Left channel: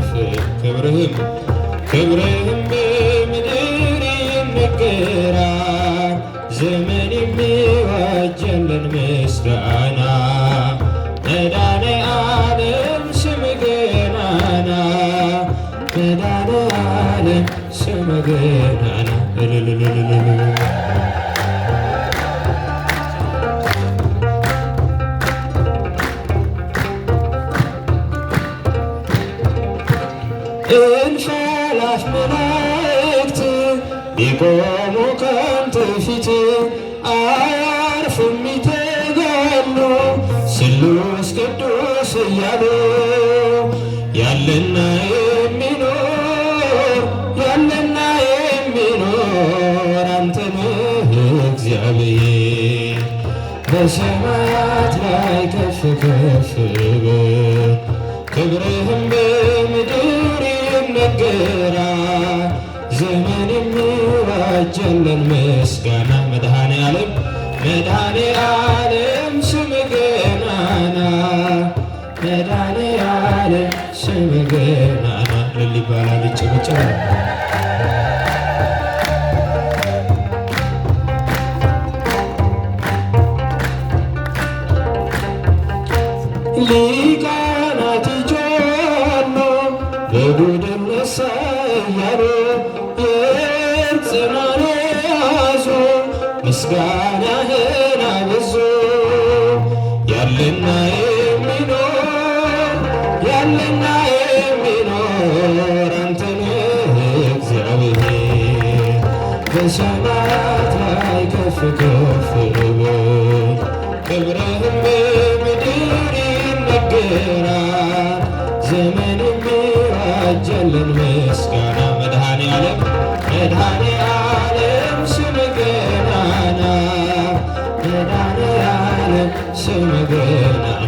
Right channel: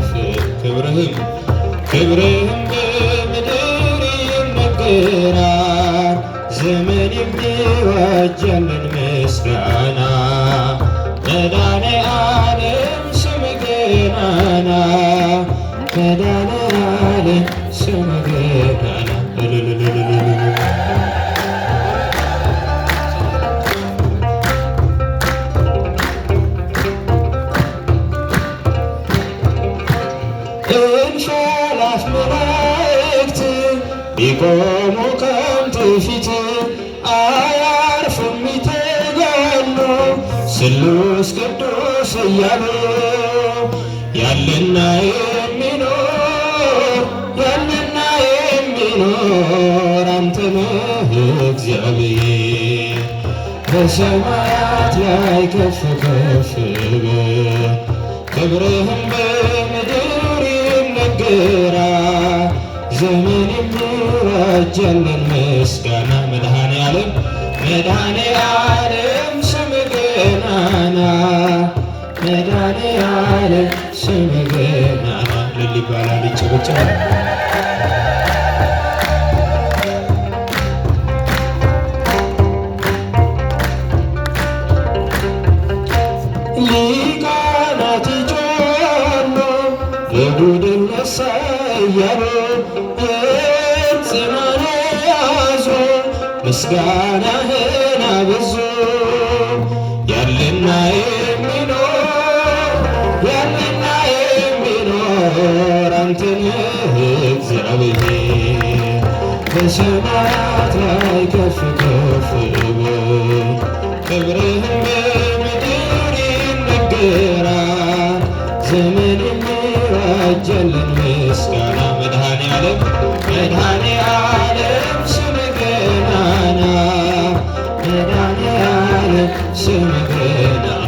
ከፍ ክብርህም በምድር ይነገራል። ዘመን የሚዋጀልን ምስጋና መድኃኔዓለም ስምህ ገናና መድኃኔዓለም ስምህ ገናና እንሻላፍ መላእክት ቢቆሙ ካንተ ፊት አያርፍም ይተጋሉ ስሉስ ቅዱስ እያሉ ያለና የሚኖር አንተ ነህ እግዚአብሔር። በሰማያት ላይ ከፍ ከፍ በል ክብርህም በምድር ይነገራል። ዘመን የሚዋጀልን ምስጋና መድኃኔዓለም ስምህ ገናና መድኃኔዓለም ስምህ ገናና እልል ይባላል ይጨበጨባል። ሊቃናት ይጮኻሉ በቡድን እሰያሉ ጽናን ያዙ ምስጋናህን አበዙ። ያለና የሚኖር አንተ ነህ እግዚአብሔር። በሰማያት ላይ ከፍ ከፍ በል ክብርህም በምድር ይነገራል። ዘመን የሚዋጀልን ምስጋና መድኃኔዓለም ስምህ ገናና መድኃኔዓለም ስምህ ገናና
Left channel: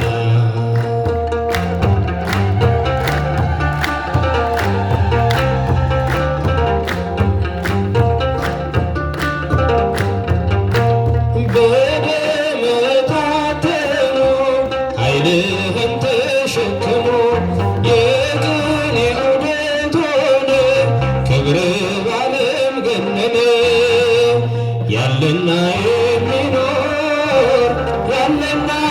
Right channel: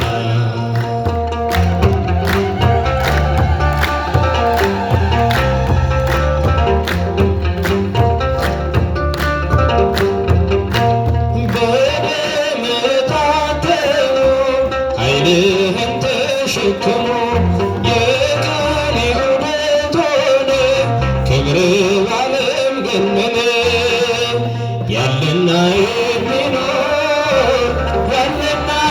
ኃይልህን ተሸክሞ የቀን ውደት ሆነ ክብርህ በዓለም ገነነ። ያለና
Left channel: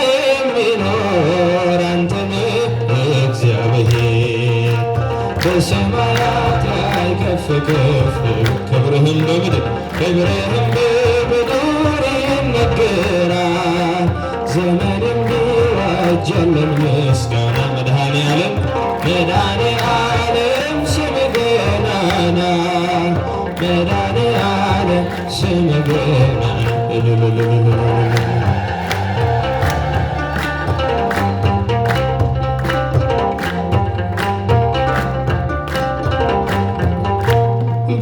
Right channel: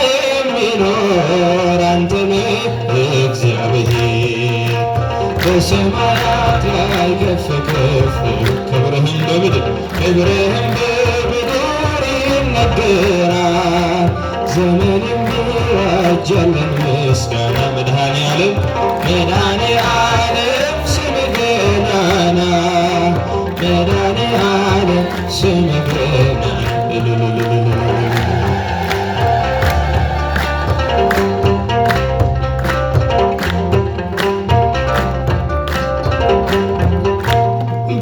የሚኖር አንተ ነህ እግዚአብሔር። በሰማያት ላይ ከፍ ከፍ ክብርህም በምድር ይነገራል። ዘመን የሚዋጀልን ምስጋና መድኃኔዓለም ስምህ ገናና መድኃኔዓለም ስምህ ገናና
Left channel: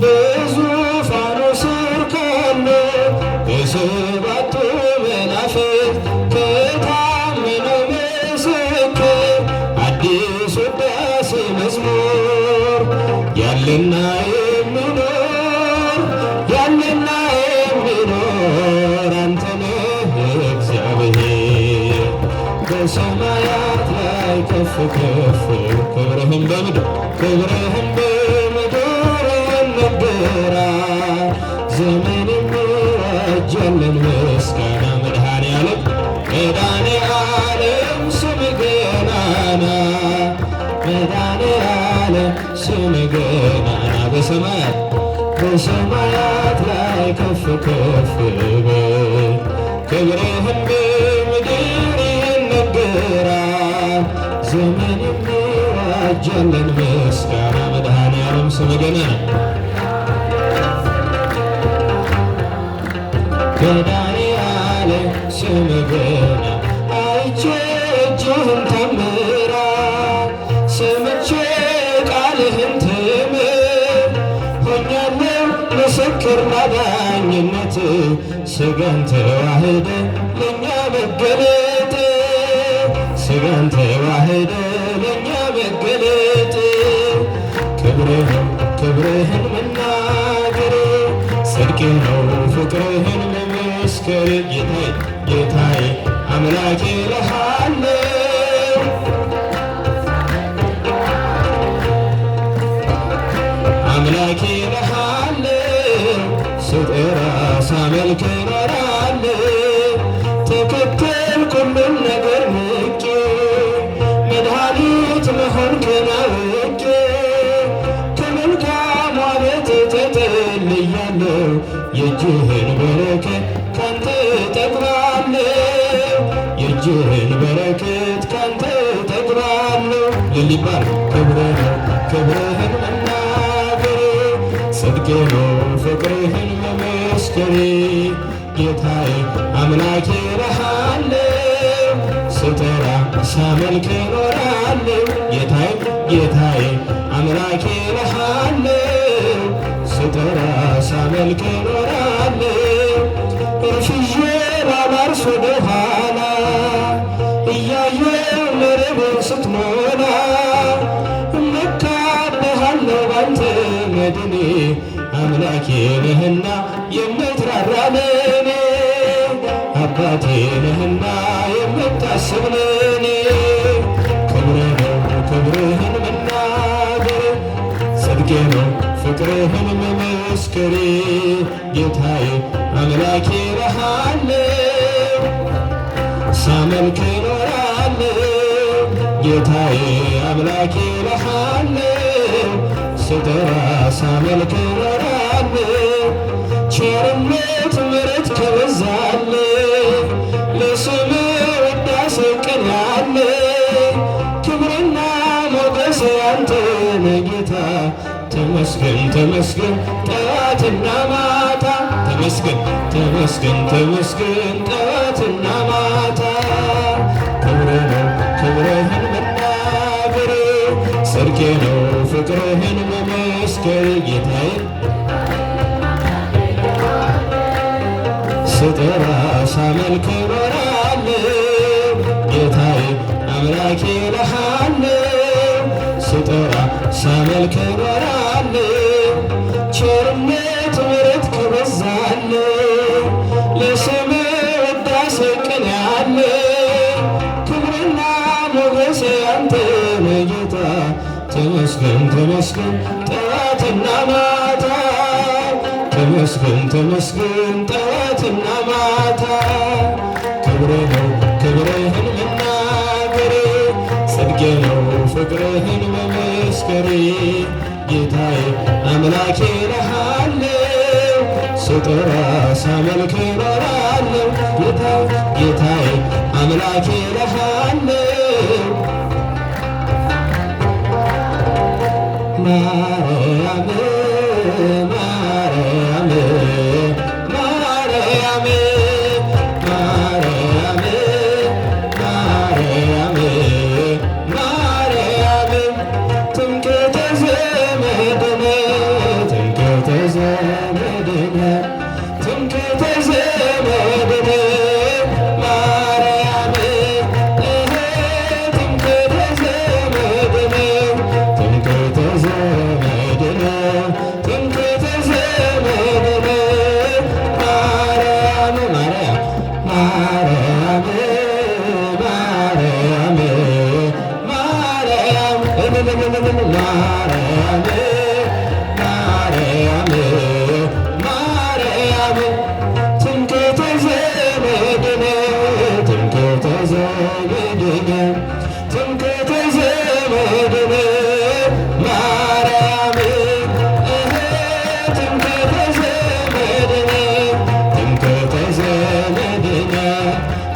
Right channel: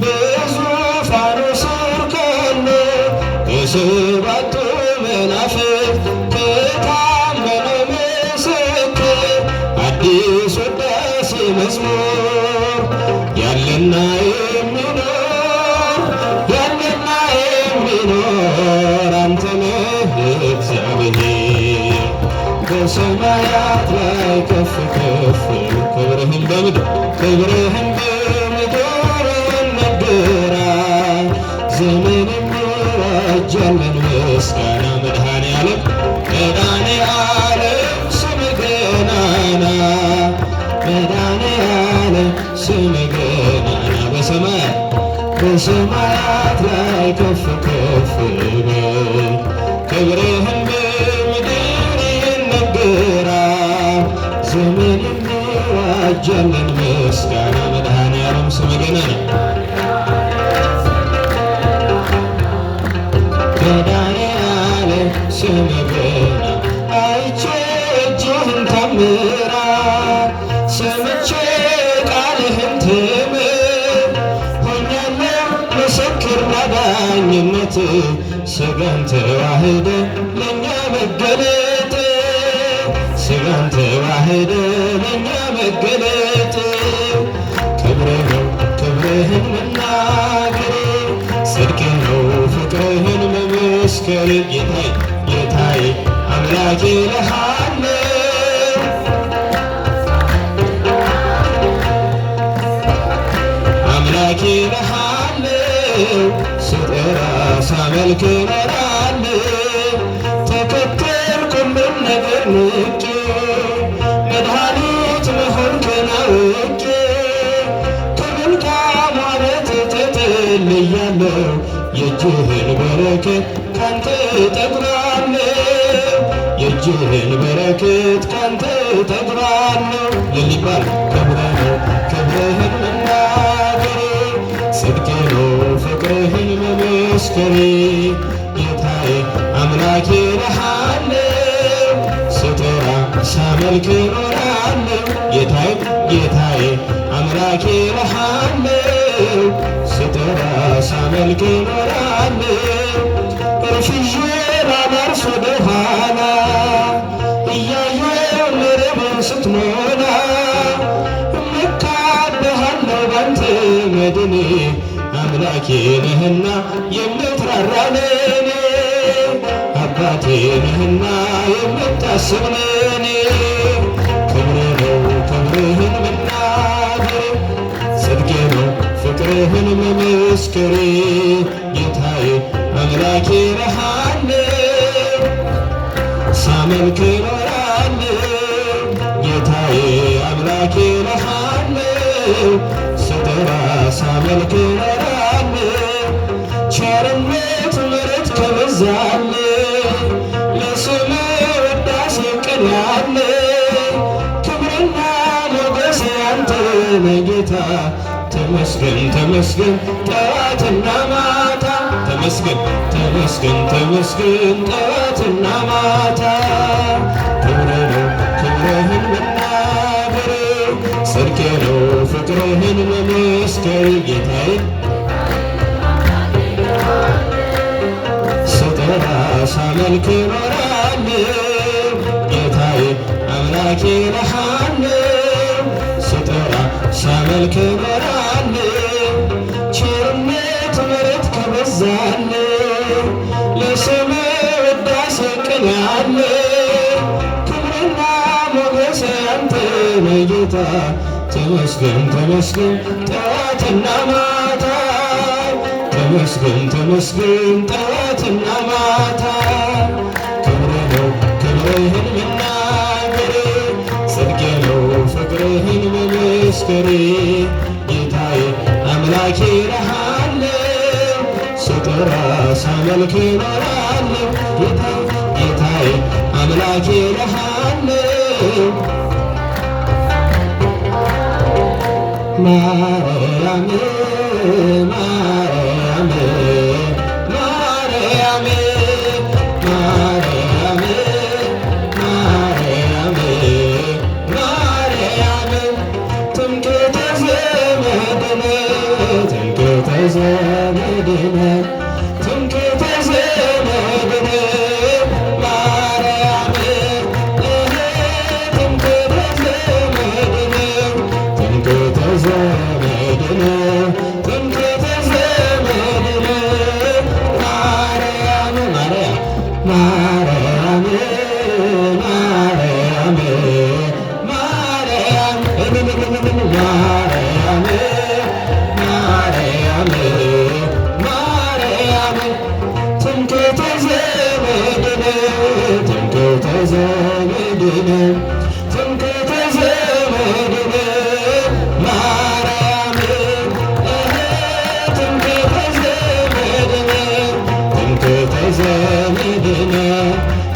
በዙፋኑ ስር ካሉ በሰባቱ መናፍስት ከታመነው ምስክር አዲስ ውዳሴ መዝሙር ያለና የሚኖር አንተ ነህ እግዚአብሔር። በሰማያት ላይ ከፍ ከፍ ክብርህም በምድር ይነገራል። ዘመን የሚዋጀልን ምስጋና መድኃኔዓለም ስምህ ገናና መድኃኔዓለም ስምህ ገናና በሰማያት ላይ ከፍ ከፍ በል ክብርህም በምድር ይነገራል። ዘመን የሚዋጀልን ምስጋና መድኃኔዓለም ስምህ ገናና መድኃኔዓለም ስምህ ገናና አይቼ እጅህን ተአምራት ሰምቼ ቃልህን ትምህርት ሆኛለሁ ምስክር ለዳኝነት ሥጋን ተዋህደ ለእኛ መገለጥ ሥጋን ተዋህደ ለእኛ መገለጥ ክብርህን መናገር ጽድቅ ነው ፍቅርህን መመስከር ጌታዬ አምላኬ እልሃለሁ ሳመልክ እኖራለሁ። ተከተልኩ ሁሉን ነገር ንቄ መድኃኒት መሆንክን አውቄ ከመልካም ዓመት ተጠልያለሁ። የእጅህን በረከት ካንተ እጠግባለሁ። የእጅህን በረከት ካንተ እጠግባለሁ። ለሊባል ክብርህ ነው ክብርህን መናገሬ ጽድቄ ነው ፍቅርህን መመስከሬ ጌታዬ አምላኬ እልሃለሁ ስጠራ ሳመልክ እኖራለሁ። ጌታዬ አምላኬ እልሃለሁ ስጠራ ሳመልክ እኖራለሁ። እርፍዤ ላላርፍ ወደኋላ እያየሁ መረቤን ስትሞላ እመካብሃለሁ ባንተ መድኔ አምላኬ ነህና የምትራራ ለኔ አባቴ ነህና የምታስብ ለኔ ክብርህ ነው ክብርህን መናገር ጽድቄ ነው ፍቅርህን መመስከሬ ጌታዬ አምላኬ እልሃለሁ ሳመልክ እኖራለሁ። ጌታዬ አምላኬ እልሃለሁ ስጠራ ሳመልክ እኖራለሁ። ቸርነት ምሕረት ከበዛልህ ለስምህ ውዳሴ እቀኛለሁ። ክብርና ሞገስ ያንተ ነው ጌታ ተመስገን ተመስገን ጠዋትና ማታ ተመስገን ተመስገን ተመስገን ጠዋትና ማታ ክብርህ ነው ክብርህን መናገር ጽድቄ ነው ፍቅርህን መመስከር ጌታዬ ስጠራ ሳመልክ እኖራለሁ። ጌታዬ አምላኬ እልሃለሁ ስጠራ ሳመልክ እኖራለሁ። ቸርነት ምሕረት ከበዛልህ ለስምህ ውዳሴ እቀኛለሁ። ክብርና ሞገስ ያንተ ነው ጌታ ተመስገን ተመስገን ጠዋትና ማታ ተመስገን ተመስገን ጠዋትና ማታ ክብርህ ነው ክብርህን መናገሬ ጽድቄ ነው ፍቅርህን መመስከሬ ጌታዬ አምላኬ እልሃለሁ ስጠራ ሳመልክ እኖራለሁ። ጌታዬ አምላኬ እልሃለሁ ማርያም ማርያም ማርያም ማርያም ማርያም ማርያም ትምክህተ ዘመድነ ትምክህተ ዘመድነ ትምክህተ ዘመድነ ማርያም ትምክህተ ዘመድነ ትምክህተ ዘመድነ ትምክህተ ዘመድነ ማርያም ማርያም ማርያም ማርያም ማርያም ማርያም ማርያም ትምክህተ ዘመድነ ትምክህተ ዘመድነ ትምክህተ ዘመድነ ማርያም ትምክህተ ዘመድነ ትምክህተ ዘመድነ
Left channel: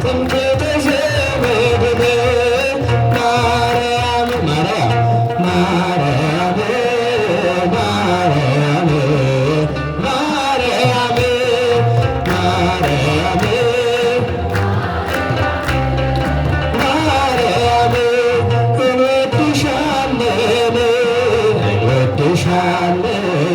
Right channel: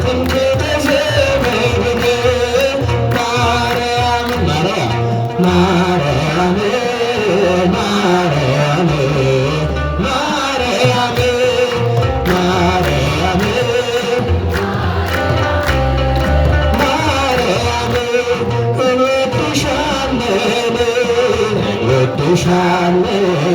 ትምክህተ ዘመድነ ማርያም ማርያም ማርያም ማርያም ማርያም ማርያም እንወድሻለን እንወድሻለን